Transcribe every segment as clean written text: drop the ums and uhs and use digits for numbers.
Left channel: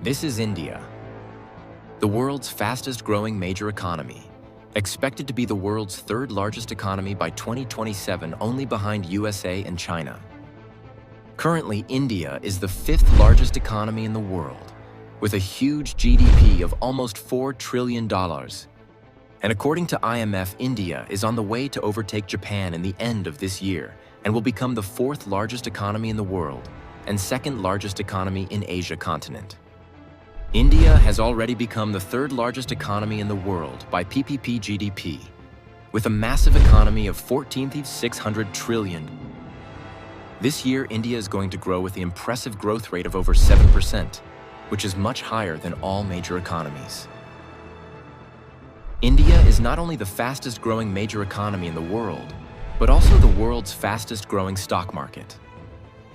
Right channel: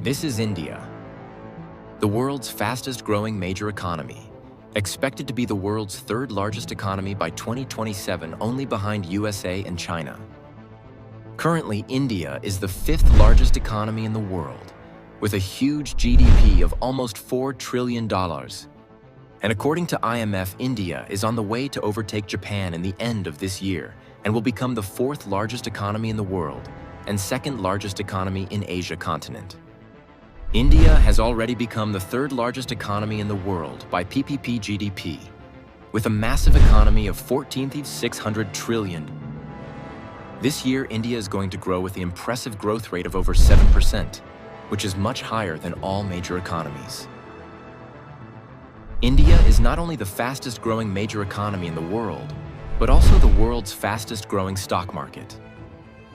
This is India, the world's fastest growing major economy, expected to be the world's third largest economy by 2027, only behind USA and China. Currently, India is the fifth largest economy in the world, with a huge GDP of almost $4 trillion. And according to IMF, India is on the way to overtake Japan in the end of this year and will become the fourth largest economy in the world and second largest economy in Asia continent. India has already become the third largest economy in the world by PPP GDP, with a massive economy of 14,600 trillion. This year, India is going to grow with the impressive growth rate of over 7%, which is much higher than all major economies. India is not only the fastest growing major economy in the world, but also the world's fastest growing stock market,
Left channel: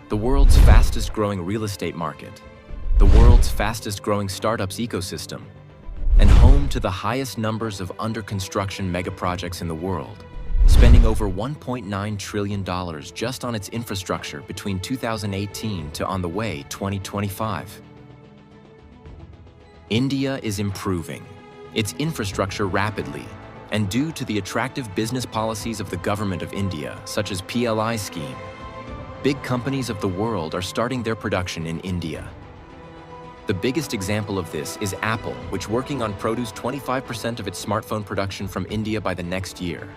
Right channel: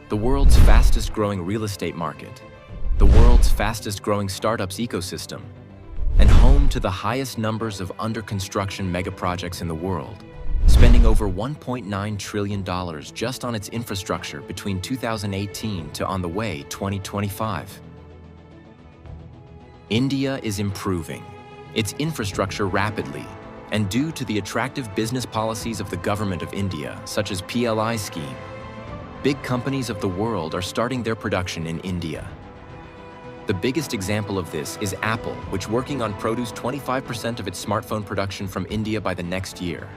the world's fastest growing real estate market, the world's fastest growing startups ecosystem, and home to the highest numbers of under construction mega projects in the world, spending over $1.9 trillion just on its infrastructure between 2018 to on the way 2025. India is improving its infrastructure rapidly, and due to the attractive business policies of the government of India, such as PLI scheme, big companies of the world are starting their production in India. The biggest example of this is Apple, which working on produce 25% of its smartphone production from India by the next year.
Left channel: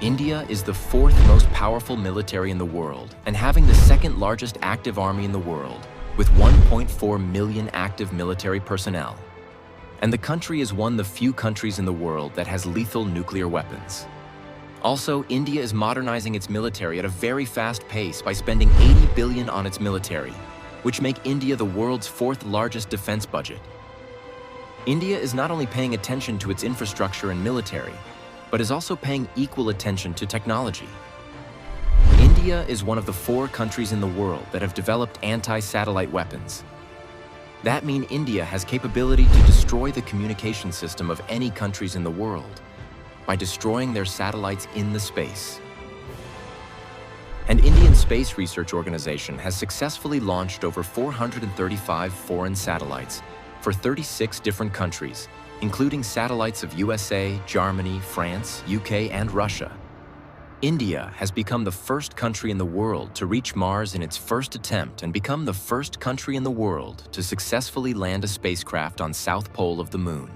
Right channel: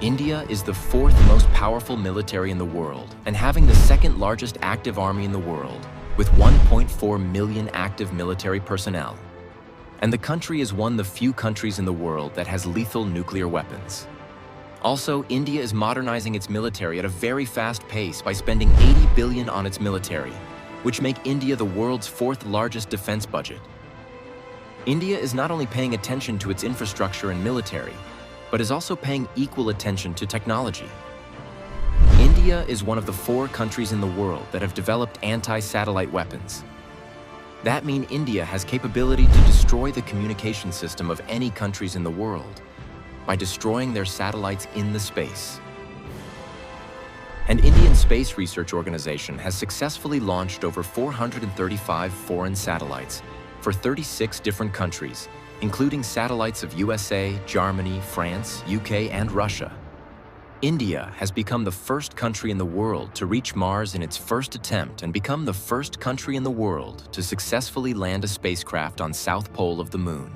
India is the fourth most powerful military in the world and having the second largest active army in the world, with 1.4 million active military personnel. And the country is one of the few countries in the world that has lethal nuclear weapons. Also, India is modernizing its military at a very fast pace by spending $80 billion on its military, which make India the world's fourth largest defense budget. India is not only paying attention to its infrastructure and military, but is also paying equal attention to technology. India is one of the 4 countries in the world that have developed anti-satellite weapons. That means India has capability to destroy the communication system of any countries in the world by destroying their satellites in the space. An Indian Space Research Organization has successfully launched over 435 foreign satellites for 36 different countries, including satellites of USA, Germany, France, UK, and Russia. India has become the first country in the world to reach Mars in its first attempt and become the first country in the world to successfully land a spacecraft on South Pole of the Moon.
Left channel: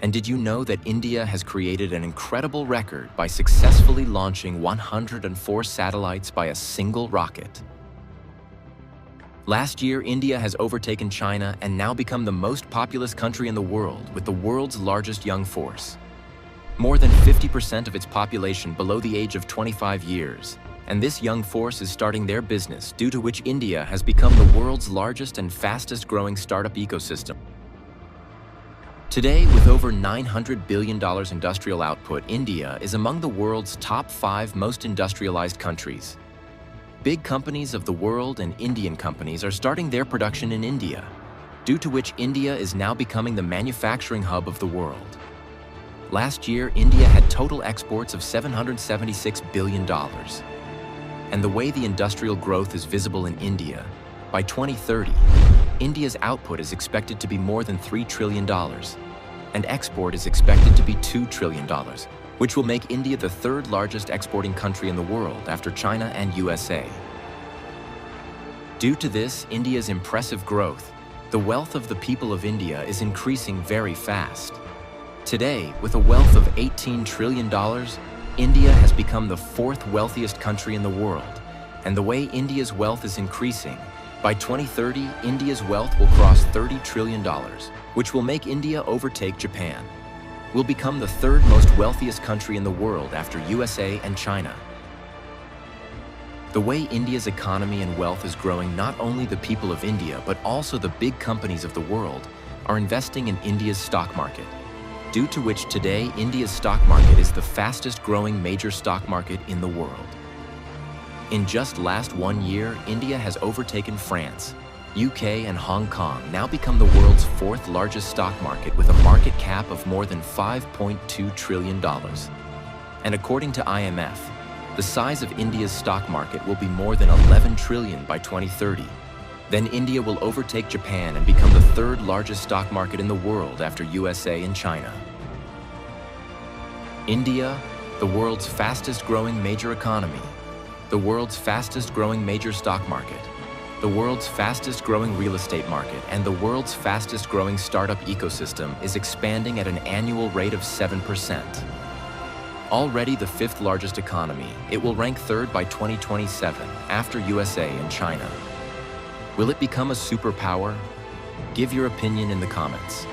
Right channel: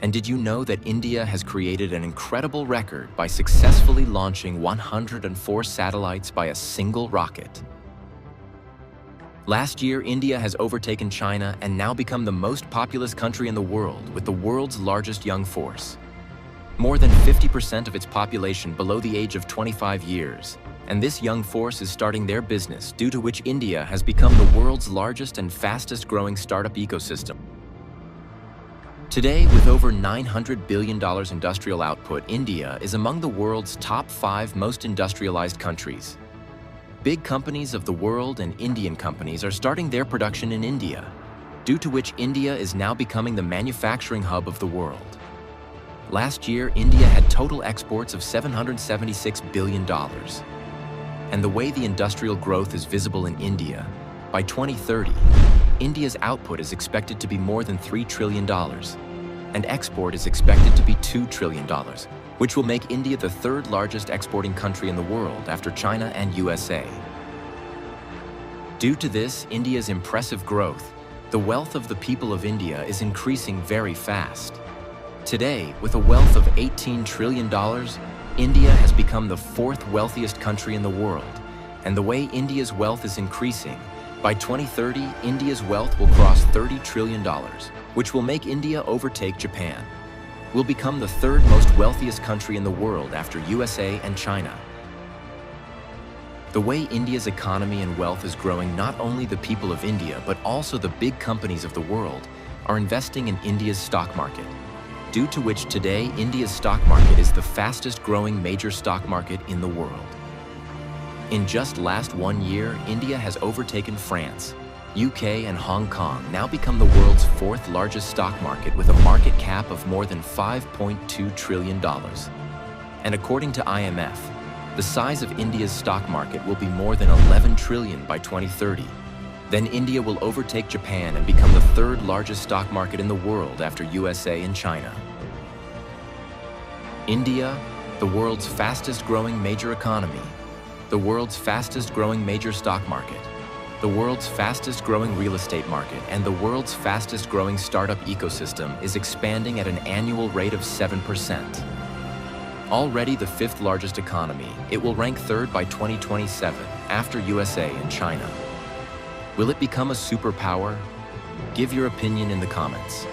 And did you know that India has created an incredible record by successfully launching 104 satellites by a single rocket? Last year, India has overtaken China and now become the most populous country in the world with the world's largest young force. More than 50% of its population below the age of 25 years, and this young force is starting their business, due to which India has become the world's largest and fastest growing startup ecosystem. Today, with over $900 billion industrial output, India is among the world's top 5 most industrialized countries. Big companies of the world and Indian companies are starting their production in India, due to which India is now becoming the manufacturing hub of the world. Last year, India had total exports of $776 billion. And the way the industrial growth is visible in India, by 2030, India's output is expected to be more than $3 trillion, and export is expected to be $2 trillion, which will make India the third largest exporting country in the world after China and USA. Due to this, India's impressive growth, the wealth of the people of India is increasing very fast. Today, with a wealth of $18 trillion, India has become the 4th wealthiest country in the world, and the way India's wealth is increasing, by 2030, India's wealth will cross $30 trillion, which will make India overtake Japan. Will become the 3rd most wealthiest country in the world after USA and China. The way India's economy and wealth is growing, not only the people of India, but also the big companies of the world are investing in India's stock market, due to which today India's stock market is the fastest growing major stock market in the world. In just last 1 year, India has overtaken France, UK, and Hong Kong, now become the world's 4th largest stock market with a market cap of more than $5.2 trillion. And according to IMF, the size of India's stock market will be more than $11 trillion by 2030, Then India will overtake Japan and become the third largest stock market in the world after USA and China. India, the world's fastest growing major economy, the world's fastest growing major stock market, the world's fastest growing real estate market, and the world's fastest growing startup ecosystem is expanding at an annual rate of 7%. Already the fifth largest economy, it will rank third by 2027 after USA and China. Will it become a superpower? Give your opinion in the comments.